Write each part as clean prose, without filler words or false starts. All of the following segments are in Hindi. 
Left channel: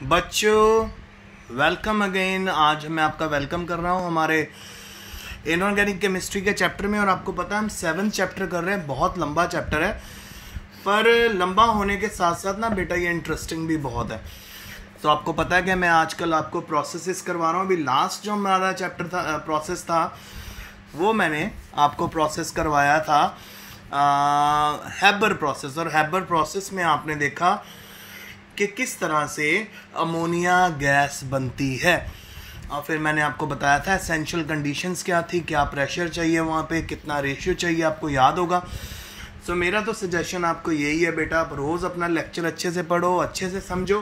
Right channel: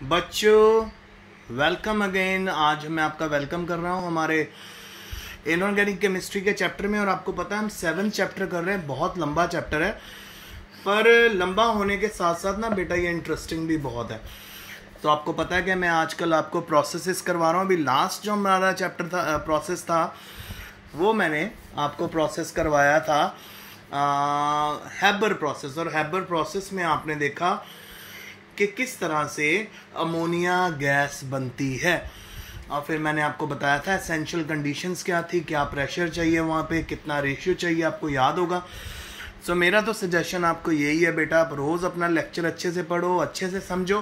बच्चों वेलकम अगेन। आज मैं आपका वेलकम कर रहा हूं हमारे इनऑर्गेनिक केमिस्ट्री के चैप्टर में। और आपको पता है हम 7th चैप्टर कर रहे हैं। बहुत लंबा चैप्टर है, पर लंबा होने के साथ साथ ना बेटा ये इंटरेस्टिंग भी बहुत है। तो आपको पता है कि मैं आजकल आपको प्रोसेसेस करवा रहा हूँ। अभी लास्ट जो हमारा चैप्टर था, प्रोसेस था, वो मैंने आपको प्रोसेस करवाया था हैबर प्रोसेस। और हैबर प्रोसेस में आपने देखा कि किस तरह से अमोनिया गैस बनती है। और फिर मैंने आपको बताया था एसेंशियल कंडीशंस क्या थी, क्या प्रेशर चाहिए वहाँ पे, कितना रेशियो चाहिए, आपको याद होगा। सो मेरा तो सजेशन आपको यही है बेटा, आप रोज़ अपना लेक्चर अच्छे से पढ़ो, अच्छे से समझो।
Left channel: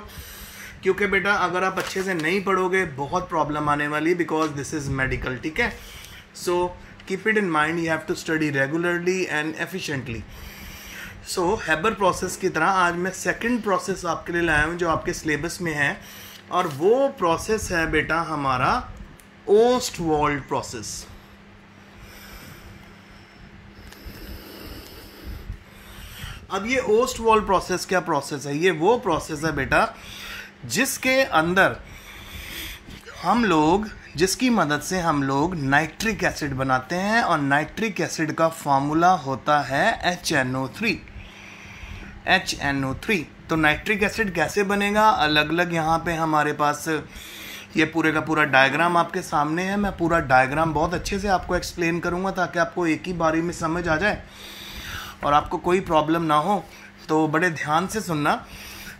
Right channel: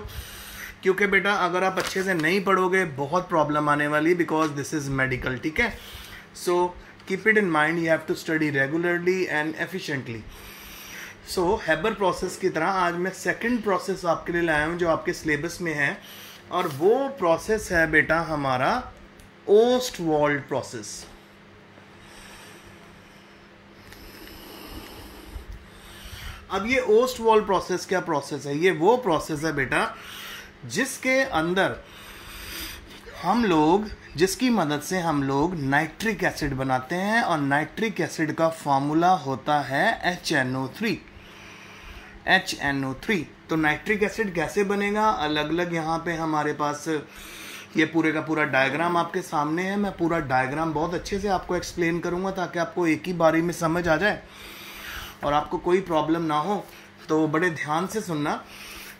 क्योंकि बेटा अगर आप अच्छे से नहीं पढ़ोगे बहुत प्रॉब्लम आने वाली, बिकॉज दिस इज़ मेडिकल। ठीक है, so keep it in mind, you have to study regularly and efficiently. So Haber process की तरह आज मैं सेकंड प्रोसेस आपके लिए लाया हूँ जो आपके सिलेबस में है, और वो प्रोसेस है बेटा हमारा ओस्टवाल्ड प्रोसेस। अब ये ओस्टवाल्ड प्रोसेस क्या प्रोसेस है? ये वो प्रोसेस है बेटा जिसके अंदर जिसकी मदद से हम लोग नाइट्रिक एसिड बनाते हैं, और नाइट्रिक एसिड का फॉर्मूला होता है HNO3। तो नाइट्रिक एसिड कैसे बनेगा, अलग अलग यहाँ पे हमारे पास ये पूरे का पूरा डायग्राम आपके सामने है। मैं पूरा डायग्राम बहुत अच्छे से आपको एक्सप्लेन करूँगा ताकि आपको एक ही बारी में समझ आ जाए और आपको कोई प्रॉब्लम ना हो। तो बड़े ध्यान से सुनना।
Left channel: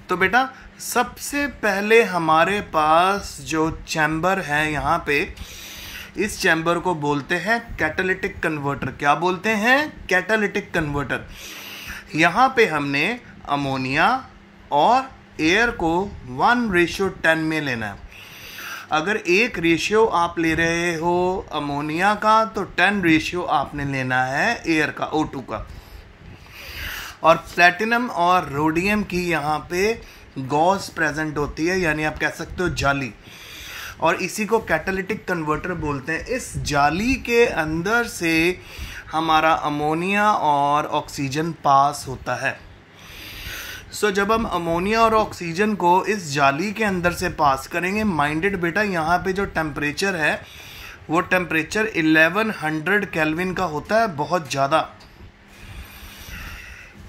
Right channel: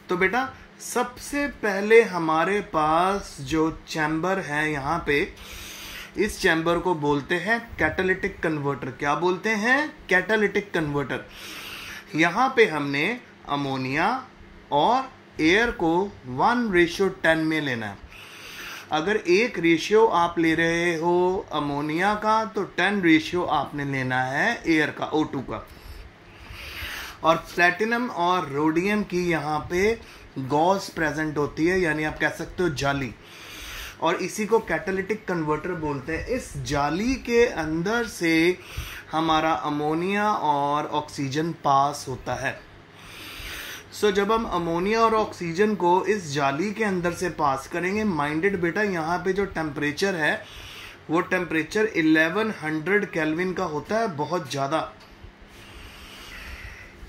तो बेटा सबसे पहले हमारे पास जो चैम्बर है यहाँ पे, इस चैम्बर को बोलते हैं कैटालिटिक कन्वर्टर। क्या बोलते हैं? Catalytic converter. यहाँ पे हमने अमोनिया और एयर को 1:10 में लेना है। अगर 1 रेशियो आप ले रहे हो अमोनिया का, तो 10 रेशियो आपने लेना है एयर का, O2 का। और प्लैटिनम और रोडियम की यहाँ पे गॉस प्रेजेंट होती है, यानी आप कह सकते हो जाली, और इसी को कैटालिटिक कन्वर्टर बोलते हैं। इस जाली के अंदर से हमारा अमोनिया और ऑक्सीजन पास होता है। सो जब हम अमोनिया और ऑक्सीजन को इस जाली के अंदर से पास करेंगे, माइंडेड बेटा यहाँ पे जो टेम्परेचर है वो टेम्परेचर 1100 केल्विन का होता है, बहुत ज़्यादा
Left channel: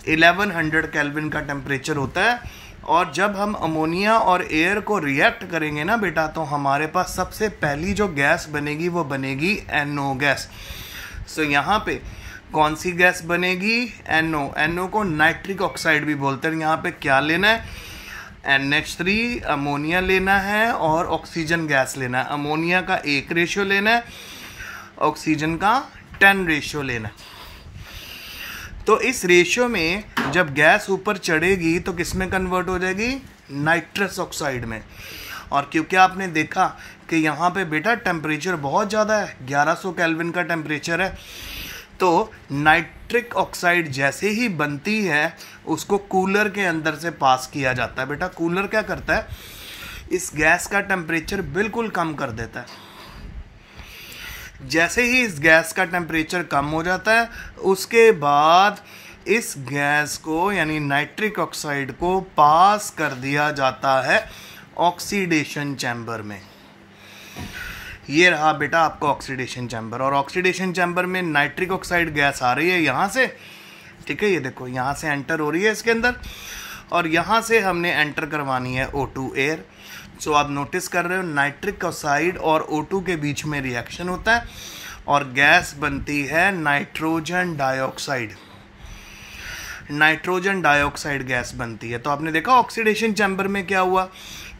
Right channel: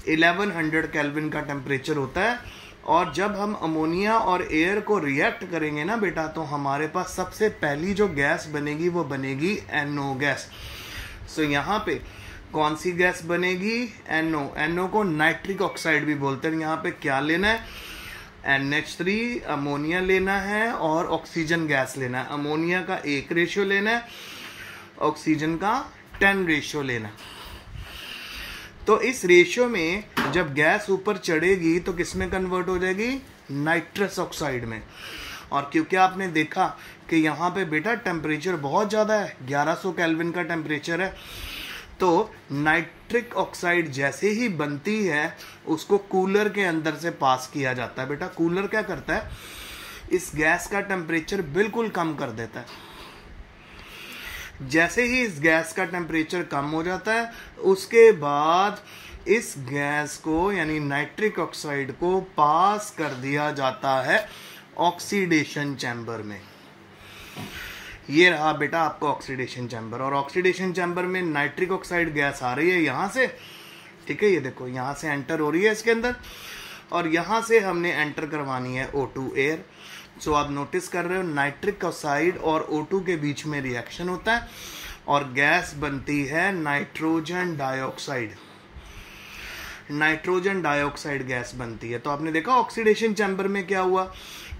1100 केल्विन का टेम्परेचर होता है। और जब हम अमोनिया और एयर को रिएक्ट करेंगे ना बेटा, तो हमारे पास सबसे पहली जो गैस बनेगी वो बनेगी NO गैस। सो यहाँ पे कौन सी गैस बनेगी? NO को नाइट्रिक ऑक्साइड भी बोलते हैं। यहाँ पे क्या लेना है? NH3 अमोनिया लेना है और ऑक्सीजन गैस लेना है। अमोनिया का 1 रेशियो लेना है, ऑक्सीजन का 10 रेशियो लेना है। तो इस रेशियो में जब गैस ऊपर चढ़ेगी तो किस में कन्वर्ट हो जाएगी? नाइट्रस ऑक्साइड में। और क्योंकि आपने देखा कि यहाँ पे बेटा टेम्परेचर बहुत ज़्यादा है, 1100 केल्विन का टेम्परेचर है, तो नाइट्रिक ऑक्साइड जैसे ही बनती है उसको कूलर के अंदर से पास किया जाता है। बेटा कूलर क्या करता है? इस गैस का टेम्परेचर बिल्कुल कम कर देता है। जैसे ही इस गैस का टेम्परेचर कम हो जाता है, उसके बाद इस गैस को यानी नाइट्रिक ऑक्साइड को पास कर दिया जाता है ऑक्सीडेशन चैम्बर में। ये रहा बेटा आपका ऑक्सीडेशन चैम्बर। और ऑक्सीडेशन चैम्बर में नाइट्रिक ऑक्साइड गैस आ रही है यहाँ से, ठीक है, ये देखो यहाँ से एंटर हो रही है इसके अंदर, और यहाँ से हमने एंटर करवानी है O2 एयर। सो आप नोटिस कर रहे हो नाइट्रिक ऑक्साइड और O2 के बीच में रिएक्शन होता है और गैस बनती है nitrogen dioxide. Nitrogen dioxide gas बनती है। तो आपने देखा ऑक्सीडेशन चैम्बर में क्या हुआ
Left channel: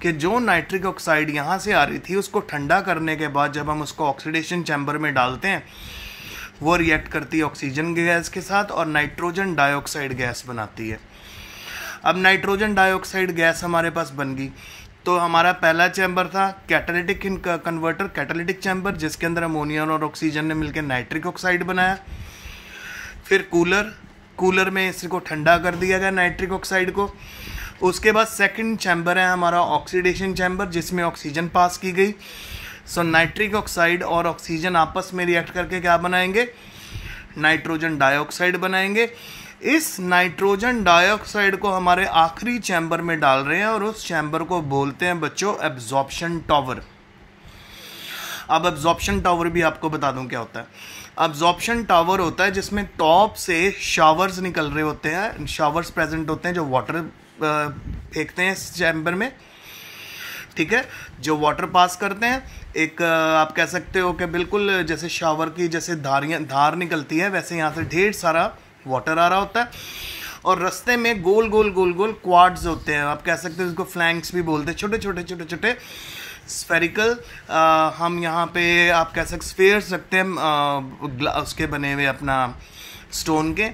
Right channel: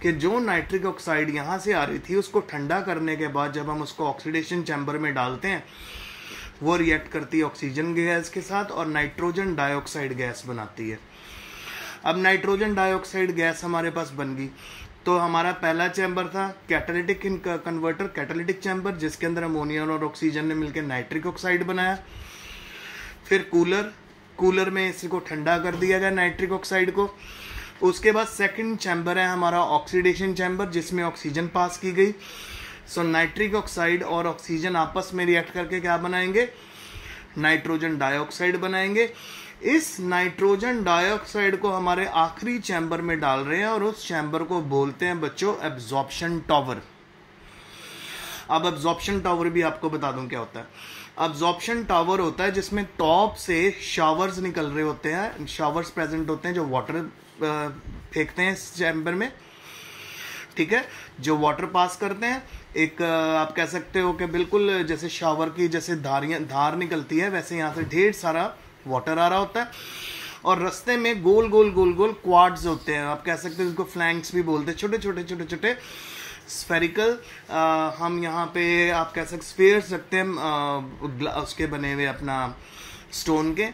कि जो नाइट्रिक ऑक्साइड यहाँ से आ रही थी उसको ठंडा करने के बाद जब हम उसको ऑक्सीडेशन चैम्बर में डालते हैं, वो रिएक्ट करती है ऑक्सीजन गैस के साथ और नाइट्रोजन डाइऑक्साइड गैस बनाती है। अब नाइट्रोजन डाइऑक्साइड गैस हमारे पास बन गई, तो हमारा पहला चैम्बर था कैटालिटिक कन्वर्टर, कैटालिटिक चैम्बर, जिसके अंदर अमोनिया और ऑक्सीजन ने मिलकर नाइट्रिक ऑक्साइड बनाया। फिर कूलर में इसको ठंडा कर दिया गया नाइट्रिक ऑक्साइड को। उसके बाद सेकंड चैम्बर है हमारा ऑक्सीडेशन चैम्बर, जिसमें ऑक्सीजन पास की गई। सो नाइट्रिक ऑक्साइड और ऑक्सीजन आपस में रिएक्ट करके क्या बनाएंगे? नाइट्रोजन डाइऑक्साइड बनाएंगे। इस नाइट्रोजन डाइऑक्साइड को हमारे आखिरी चैम्बर में डाल रहे हैं और उस चैम्बर को बोलते हैं बच्चों एब्जॉर्प्शन टावर। अब एब्जॉर्प्शन टावर भी आपको बता दूं क्या होता है। एब्जॉर्प्शन टावर होता है जिसमें टॉप से शावर्स निकल रहे होते हैं, शावर्स प्रेजेंट होते हैं जो वाटर फेंकते हैं इस चैम्बर में, ठीक है, जो वाटर पास करते हैं। एक आप कह सकते हो कि बिल्कुल जैसे शावर की जैसे धार निकलती है वैसे यहाँ से ढेर सारा वाटर आ रहा होता है और रास्ते में गोल गोल गोल गोल क्वाड्स होते हैं, आप कह सकते हो इसको फ्लैंक्स भी बोलते हैं, छोटे छोटे छोटे छोटे स्फेरिकल, हम यहाँ पे आप कह सकते स्फेयर्स रखते हैं उसके बने हुए अपना स्टोन के।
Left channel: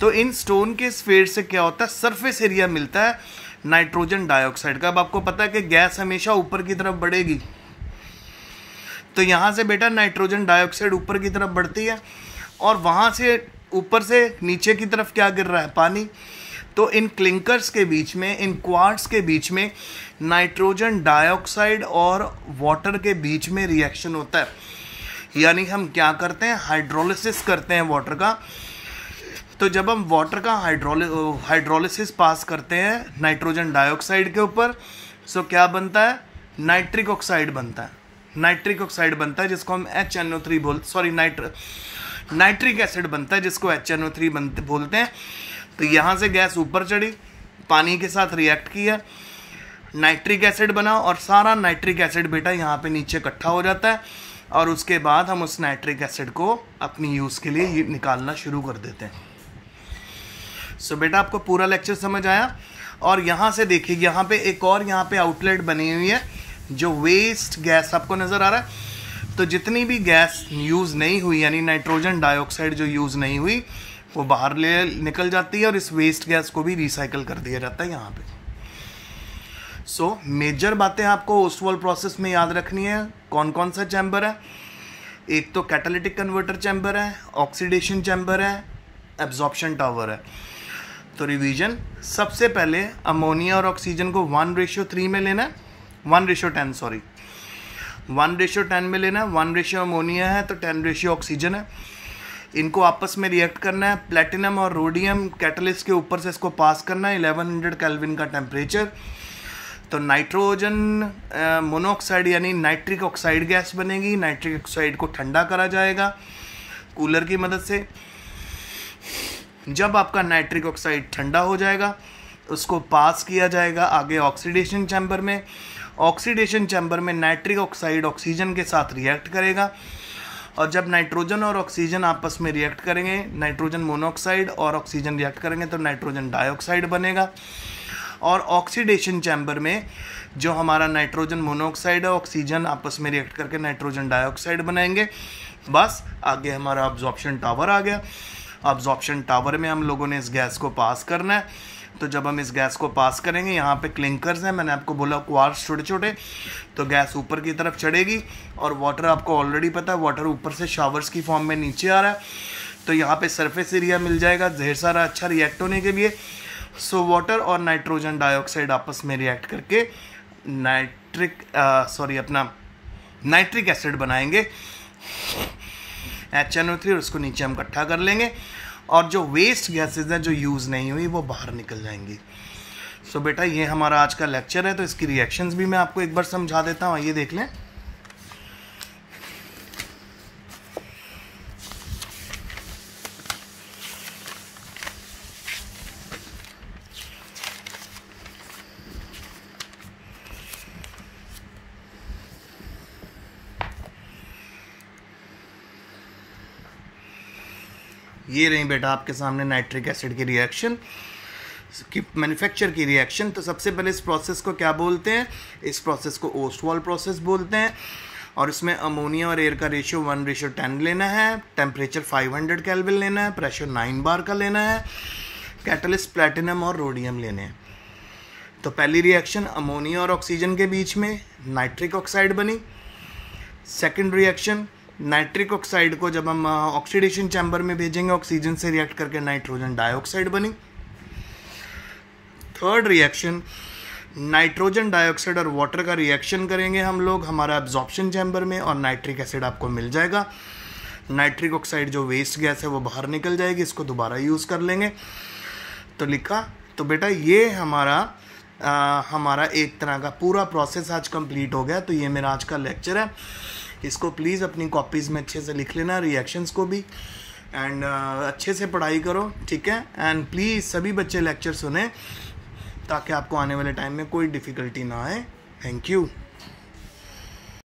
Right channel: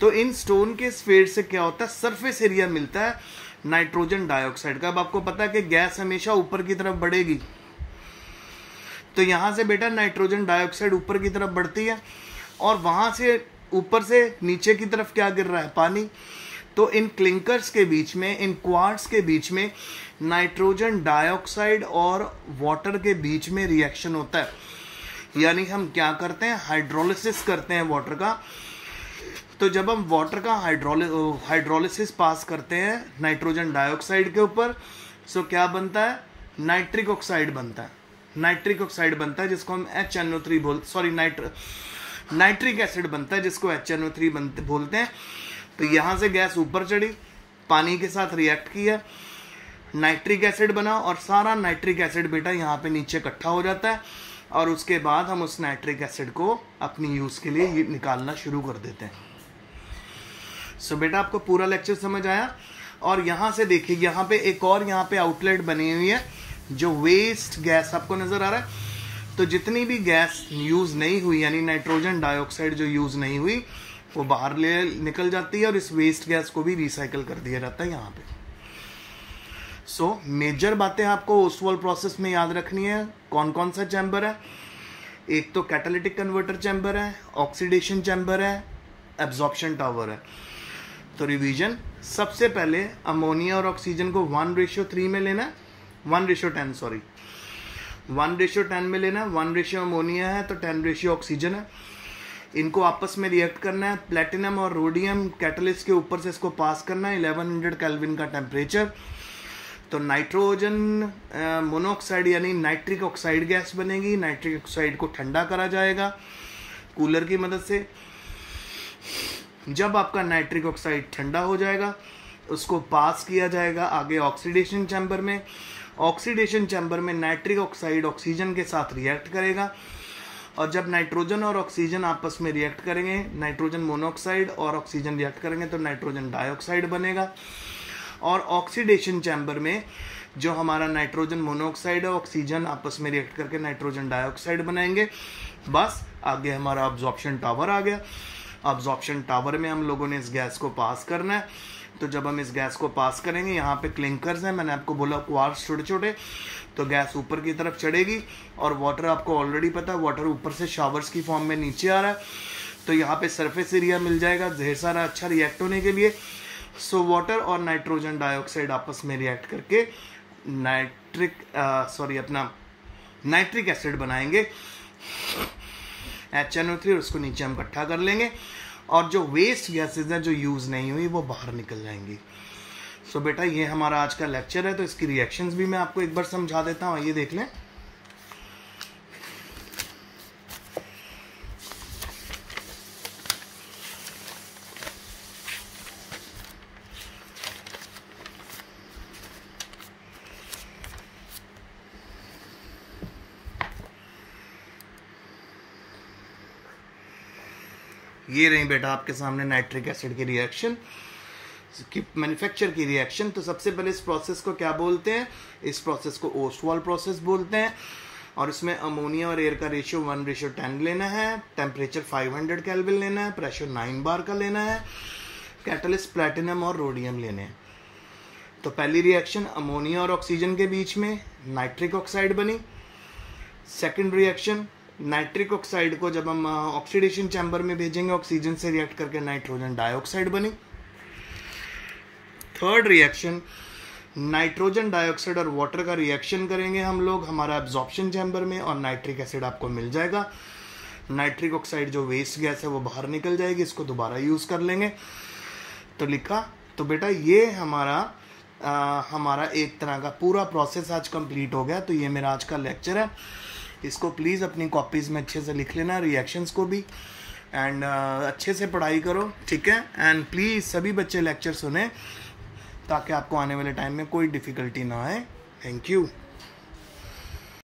तो इन स्टोन के स्फेयर से क्या होता है, सरफेस एरिया मिलता है नाइट्रोजन डाइऑक्साइड का। अब आपको पता है कि गैस हमेशा ऊपर की तरफ बढ़ेगी, तो यहाँ से बेटा नाइट्रोजन डाइऑक्साइड ऊपर की तरफ बढ़ती है और वहाँ से ऊपर से नीचे की तरफ क्या गिर रहा है, पानी। तो इन क्लिंकर्स के बीच में, इन क्वार्ट्स के बीच में नाइट्रोजन डाइऑक्साइड और वाटर के बीच में रिएक्शन होता है, यानी हम क्या करते हैं, हाइड्रोलिसिस करते हैं वाटर का। तो जब हम वाटर का हाइड्रोलिसिस पास करते हैं नाइट्रोजन डाइऑक्साइड के ऊपर, सो क्या बनता है, नाइट्रिक ऑक्साइड बनता है। नाइट्रिक ऑक्साइड बनता है जिसको हम HNO3 नाइट्रिक एसिड बनता है जिसको HNO3 बोलते हैं। तो यहाँ से गैस ऊपर चढ़ी, पानी के साथ रिएक्ट किया, नाइट्रिक एसिड बना और सारा नाइट्रिक एसिड बेटा यहाँ पे नीचे इकट्ठा हो जाता है और उसके बाद हम उस नाइट्रिक एसिड को अपनी यूज़ के लिए निकालना शुरू कर देते हैं। सो बेटा आपको पूरा लेक्चर समझ आया। और यहाँ से देखिए, यहाँ पे एक और यहाँ पे आउटलेट बनी हुई है जो वेस्ट गैस आपको नज़र आ रहा है। तो जितनी भी गैस यूज़ नहीं हुई, यानी नाइट्रोजन डाइऑक्साइड जो यूज़ नहीं हुई, वो बाहर निकल जाती है और इस वेस्ट गैस को भी रिसाइकल कर दिया जाता है यहाँ पे। सो मेजर बातें आपको ओस्टवाल प्रोसेस में याद रखनी है। कौन कौन सा चैम्बर है, एक तो कैटालिटिक कन्वर्टर चैम्बर है, ऑक्सीडेशन चैम्बर है, एब्जॉर्प्शन टावर है। तो रिवीजन, सबसे पहले अमोनिया और ऑक्सीजन को 1:3 में लेना है, 1:10 सॉरी 1:10 में लेना है। 1 अमोनिया है तो 10 ऑक्सीजन है। इनको आपस में रिएक्ट करना है, प्लेटिनम और रोडियम कैटलिस्ट के ऊपर से इसको पास करना है, 1100 केल्विन का टेम्परेचर। तो नाइट्रोजन मोनोऑक्साइड यानी नाइट्रिक ऑक्साइड गैस बनेगी। नाइट्रिक ऑक्साइड को ठंडा करा जाएगा कूलर की मदद से। जब आपका नाइट्रिक ऑक्साइड ठंडा हो जाएगा उसको पास किया जाएगा आगे ऑक्सीडेशन चैम्बर में। ऑक्सीडेशन चैम्बर में नाइट्रिक ऑक्साइड ऑक्सीजन के साथ रिएक्ट करेगा और जब नाइट्रोजन और ऑक्सीजन आपस में रिएक्ट करेंगे, नाइट्रोजन मोनोऑक्साइड और ऑक्सीजन रिएक्ट करेंगे तो नाइट्रोजन डाइऑक्साइड बनेगा। और ऑक्सीडेशन चैम्बर में जो हमारा नाइट्रोजन मोनोऑक्साइड और ऑक्सीजन आपस में रिएक्ट करके नाइट्रोजन डाइऑक्साइड बनाएंगे। बस आगे हमारा अब्जॉर्प्शन टावर आ गया। अब्जॉर्प्शन टावर में हम लोगों ने इस गैस को पास करना है। तो जब हम इस गैस को पास करेंगे, यहाँ पे क्लिंकर्स हैं, मैंने आपको बोला क्वार्ट्स छोटे छोटे, तो गैस ऊपर की तरफ चढ़ेगी और वाटर आपको ऑलरेडी पता है, वाटर ऊपर से शावर्स की फॉर्म में नीचे आ रहा है। तो यहाँ पे सरफेस एरिया मिल जाएगा ढेर सारा अच्छा रिएक्ट होने के लिए। सो वाटर और नाइट्रोजन डाइऑक्साइड आपस में रिएक्ट करके नाइट्रिक एसिड बनाएंगे HNO3 और उसको नीचे हम इकट्ठा कर लेंगे और जो वेस्ट गैसेज हैं जो यूज़ नहीं हुई वो बाहर निकल जाएंगी। सो बेटा ये हमारा आज का लेक्चर है। तो इसकी रिएक्शंस भी मैं आपको एक बार समझा देता हूँ, आइए देख लें। ये रही बेटा आपके सामने नाइट्रिक एसिड की रिएक्शन की मैन्युफैक्चर की रिएक्शन। तो सबसे पहले इस प्रोसेस को क्या बोलते हैं, इस प्रोसेस को ओस्टवाल प्रोसेस बोलते हैं और इसमें अमोनिया और एयर का रेशियो 1:10 लेना है, टेम्परेचर 500 केल्विन लेना है, प्रेशर 9 बार का लेना है, कैटलिस्ट प्लेटिनम और रोडियम लेने हैं। तो पहली रिएक्शन अमोनिया और ऑक्सीजन के बीच में नाइट्रिक ऑक्साइड बनी। सेकेंड रिएक्शन नाइट्रिक ऑक्साइड को जब हम ऑक्सीडेशन चैम्बर में भेजेंगे ऑक्सीजन से रिएक्ट करके नाइट्रोजन डाइऑक्साइड बनी। थर्ड रिएक्शन नाइट्रोजन डाइऑक्साइड और वाटर का रिएक्शन करेंगे हम लोग हमारा एब्जॉर्प्शन चैम्बर में और नाइट्रिक एसिड आपको मिल जाएगा। नाइट्रिक ऑक्साइड जो वेस्ट गैस है वो बाहर निकल जाएगी, इसको दोबारा यूज़ कर लेंगे। तो लिखा। तो बेटा ये हमारा एक तरह का पूरा प्रोसेस आज कंप्लीट हो गया। तो ये मेरा आज का लेक्चर है, इसको प्लीज़ अपनी कॉपीज़ में अच्छे से लिख लेना, रिएक्शंस को भी, एंड अच्छे से पढ़ाई करो, ठीक है। एंड प्लीज़ सभी बच्चे लेक्चर सुने ताकि आपको आने वाले टाइम में कोई डिफ़िकल्टी ना आए। Thank you.